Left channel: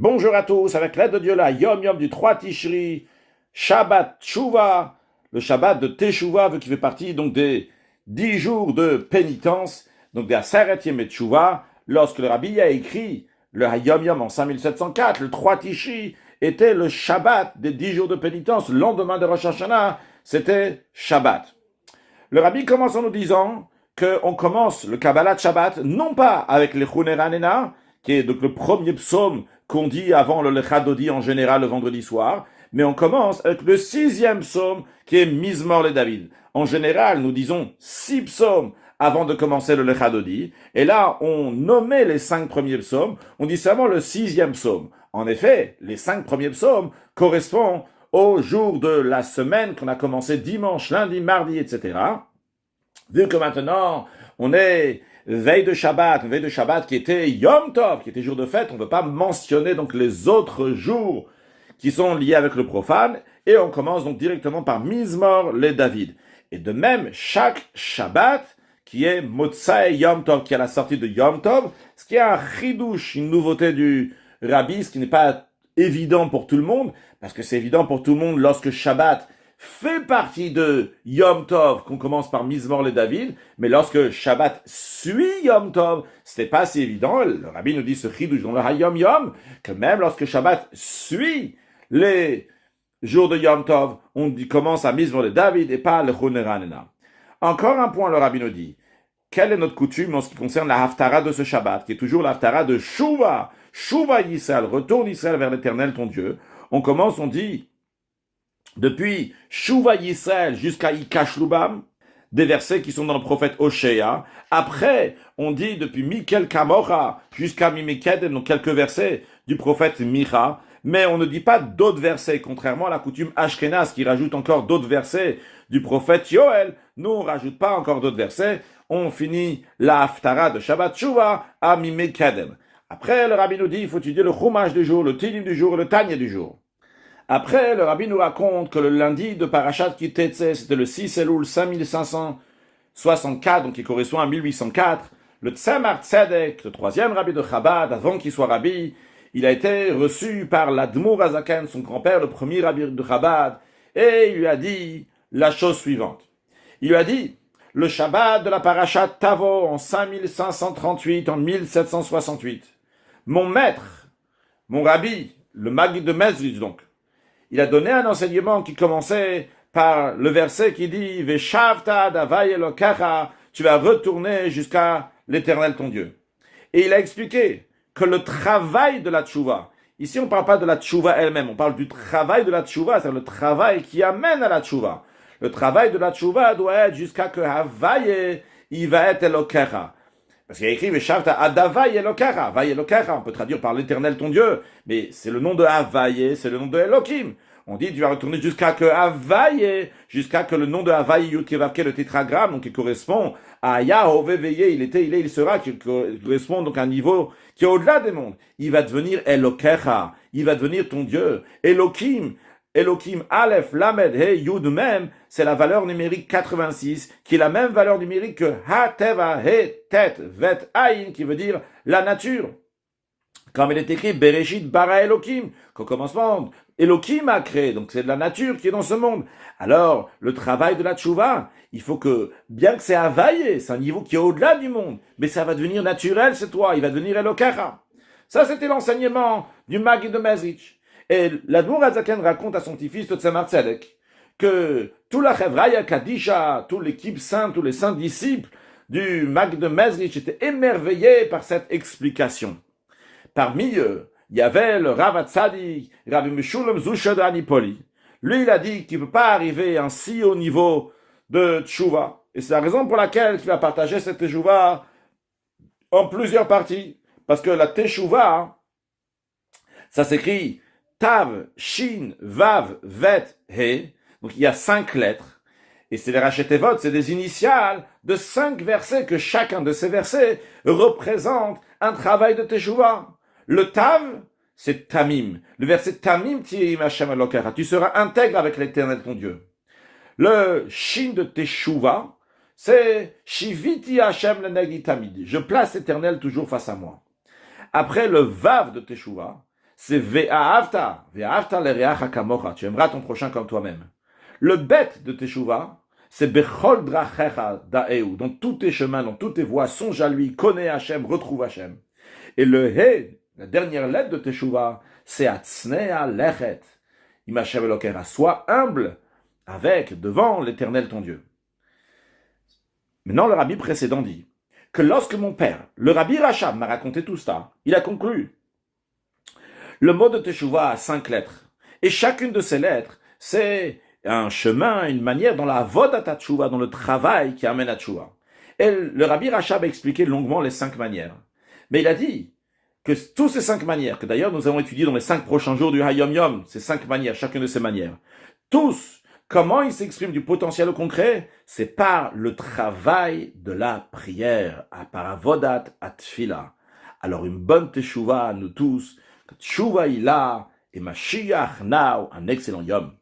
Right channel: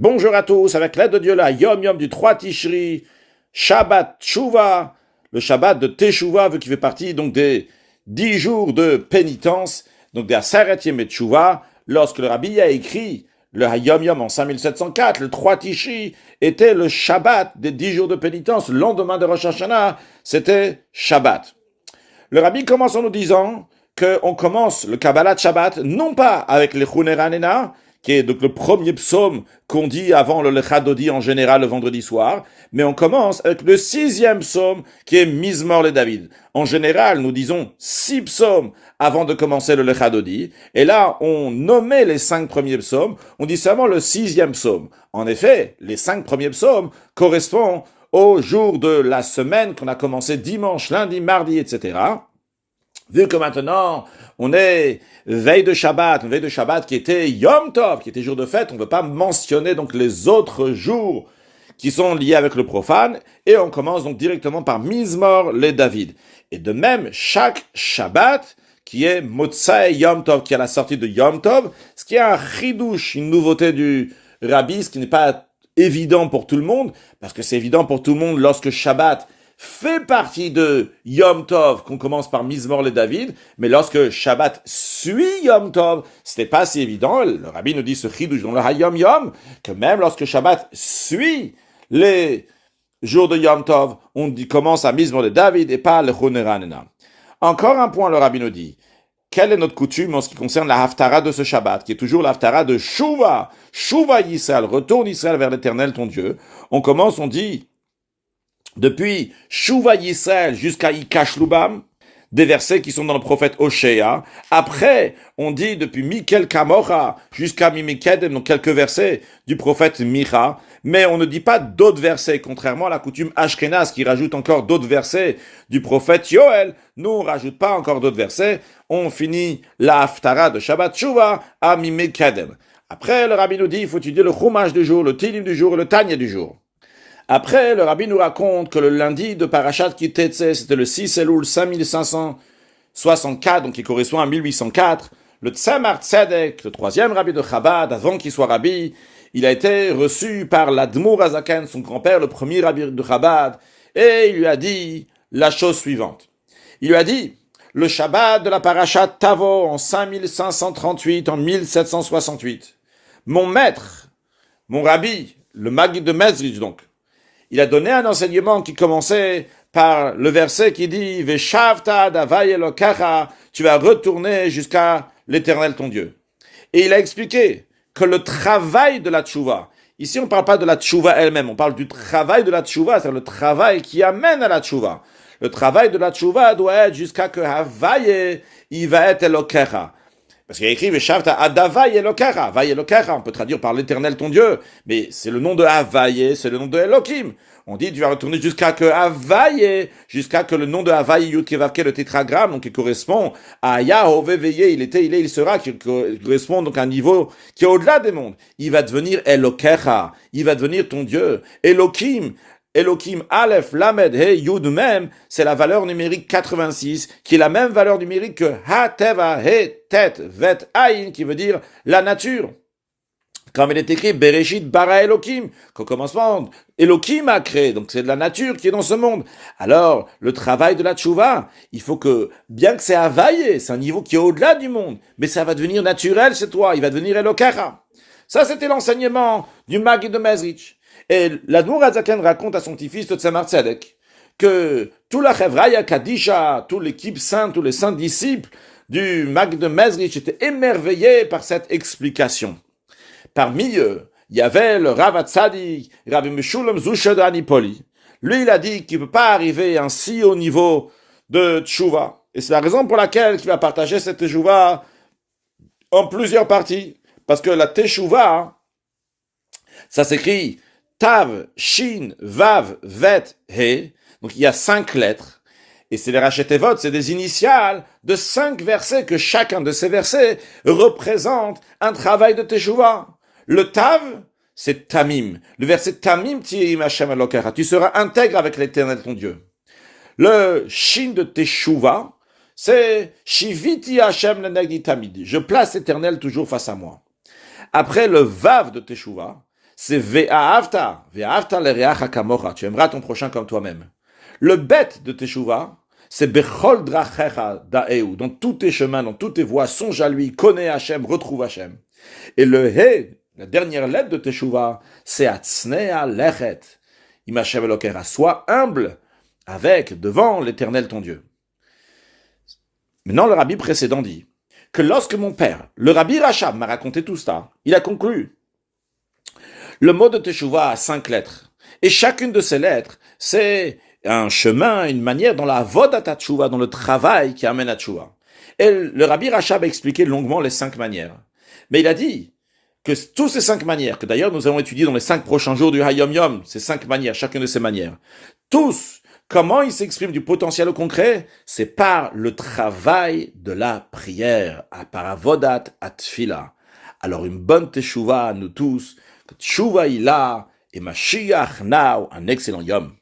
Bonjour à tous, avec l'aide de Dieu là, Yom Yom du 3 Tishri, Shabbat Tshuva, le Shabbat de Teshuvah, vu qu'il fait partie donc des 10 jours de pénitence, donc des Aseret Yemei Tshuva, lorsque le Rabbi a écrit le Yom Yom en 5704, le 3 Tishri était le Shabbat des 10 jours de pénitence, le lendemain de Rosh Hashanah, c'était Shabbat. Le Rabbi commence en nous disant qu'on commence le Kabbalat Shabbat, non pas avec le Chuneranena, qui est donc le premier psaume qu'on dit avant le Lechadodi en général le vendredi soir, mais on commence avec le 6e psaume qui est Mizmor le David. En général, nous disons 6 psaumes avant de commencer le Lechadodi, et là, on nommait les 5 premiers psaumes, on dit seulement le 6e psaume. En effet, les 5 premiers psaumes correspondent au jour de la semaine qu'on a commencé dimanche, lundi, mardi, etc. Vu que maintenant, on est veille de Shabbat qui était Yom Tov, qui était jour de fête, on ne veut pas mentionner donc les autres jours qui sont liés avec le profane, et on commence donc directement par Mizmor le David. Et de même, chaque Shabbat, qui est Motsai Yom Tov, qui est à la sortie de Yom Tov, ce qui est un chidouche, une nouveauté du Rabbi, ce qui n'est pas évident pour tout le monde, parce que c'est évident pour tout le monde lorsque Shabbat fait partie de Yom Tov, qu'on commence par Mizmor le David, mais lorsque Shabbat suit Yom Tov, c'était pas si évident. Le Rabbi nous dit ce chidouche dans le Hayom Yom, que même lorsque Shabbat suit les jours de Yom Tov, on commence à Mizmor le David et pas le Choneranena. Encore un point, le Rabbi nous dit, quelle est notre coutume en ce qui concerne la Haftara de ce Shabbat, qui est toujours la Haftara de Shuva, Shuva Yisrael, retourne Israël vers l'Éternel ton Dieu. On commence, on dit, depuis Shuva Yisrael jusqu'à Ikash Lubam, des versets qui sont dans le prophète Oshéa. Après, on dit depuis Mikel Kamocha jusqu'à Mimikedem, donc quelques versets du prophète Micha, mais on ne dit pas d'autres versets, contrairement à la coutume Ashkenaz qui rajoute encore d'autres versets du prophète Yoel. Nous, on ne rajoute pas encore d'autres versets. On finit la Haftara de Shabbat Shuva à Mimikedem. Après, le Rabbi nous dit, il faut étudier le Chumash du jour, le Tilim du jour et le Tanya du jour. Après, le Rabbi nous raconte que le lundi de Parashat Kitetse, c'était le 6 Elul 5564, donc qui correspond à 1804. Le Tzemar Tzedek, le 3e Rabbi de Chabad, avant qu'il soit Rabbi, il a été reçu par l'Admour Azaken, son grand-père, le premier Rabbi de Chabad, et il lui a dit la chose suivante. Il lui a dit, le Shabbat de la Parashat Tavo en 5538, en 1768, mon maître, mon Rabbi, le Maggid de Mezrich donc, il a donné un enseignement qui commençait par le verset qui dit Veshavta davay elokacha, tu vas retourner jusqu'à l'Éternel ton Dieu. Et il a expliqué que le travail de la tchouva, ici on ne parle pas de la tchouva elle-même, on parle du travail de la tchouva, c'est-à-dire le travail qui amène à la tchouva. Le travail de la tchouva doit être jusqu'à que Havaye, il va être elokacha. Parce qu'il y a écrit Veshavta adavay elokara. Havaye elokara, on peut traduire par l'Éternel ton Dieu, mais c'est le nom de Havaye, c'est le nom de Elohim. On dit tu vas retourner jusqu'à que Havaye, jusqu'à que le nom de Havaye Yudkevavke, le tétragramme, donc qui correspond à Yahové veillé, il était, il sera, qui correspond donc à un niveau qui est au-delà des mondes. Il va devenir Elokera, il va devenir ton Dieu. Elohim, Elohim, Aleph, Lamed, He, Yud même, c'est la valeur numérique 86, qui est la même valeur numérique que Ha, Teva, He, Tet, Vet, Aïn, qui veut dire la nature. Comme il est écrit, Bereshit bara Elohim, qu'au commencement, Elohim a créé, donc c'est de la nature qui est dans ce monde. Alors, le travail de la tchouva, il faut que, bien que c'est Havaye, c'est un niveau qui est au-delà du monde, mais ça va devenir naturel chez toi, il va devenir Elokara. Ça, c'était l'enseignement du Maggid de Mezrich. Et l'Admour Azaken raconte à son petit-fils de Tzemar Tzedek que tout la Chevraya Kadisha, toute l'équipe sainte, tous les saints disciples du Maggid de Mezrich étaient émerveillés par cette explication. Parmi eux, il y avait le Rav Hatzadik, Rabbi Meshulam Zusha de Anipoli. Lui, il a dit qu'il ne peut pas arriver ainsi au niveau de Tchouva. Et c'est la raison pour laquelle il va partager cette Tchouva en plusieurs parties. Parce que la Teshuvah, ça s'écrit Tav, Shin, Vav, Vet, He. Donc il y a 5 lettres. Et c'est les Rachetevot, c'est des initiales de 5 versets, que chacun de ces versets représente un travail de Teshuvah. Le Tav, c'est Tamim. Le verset Tamim, Tirim Hashem Elokera. Tu seras intègre avec l'Éternel ton Dieu. Le Shin de Teshuvah, c'est Shiviti Hashem Lenegdi Tamid. Je place l'Éternel toujours face à moi. Après le Vav de Teshuvah, c'est ve'ahavta lereacha kamocha, tu aimeras ton prochain comme toi-même. Le bet de Teshuvah, c'est bechol drachecha da'eu, dans tous tes chemins, dans toutes tes voies, songe à lui, connais Hachem, retrouve Hachem. Et le he, la dernière lettre de Teshuvah, c'est atzne'a lechet, imachem elokera, sois humble avec, devant l'Éternel ton Dieu. Maintenant, le rabbi précédent dit que lorsque mon père, le rabbi Rachab, m'a raconté tout ça, il a conclu. Le mot de Teshuvah a 5 lettres. Et chacune de ces lettres, c'est un chemin, une manière dans la avodat Teshuvah, dans le travail qui amène à Teshuvah. Et le rabbi Rachab a expliqué longuement les 5 manières. Mais il a dit que toutes ces 5 manières, que d'ailleurs nous allons étudier dans les 5 prochains jours du Hayom Yom, ces 5 manières, chacune de ces manières, tous, comment ils s'expriment du potentiel concret, c'est par le travail de la prière, par avodat atfila. Alors une bonne Teshuvah à nous tous, Teshuvah Ilah et Mashiach now, un excellent Yom.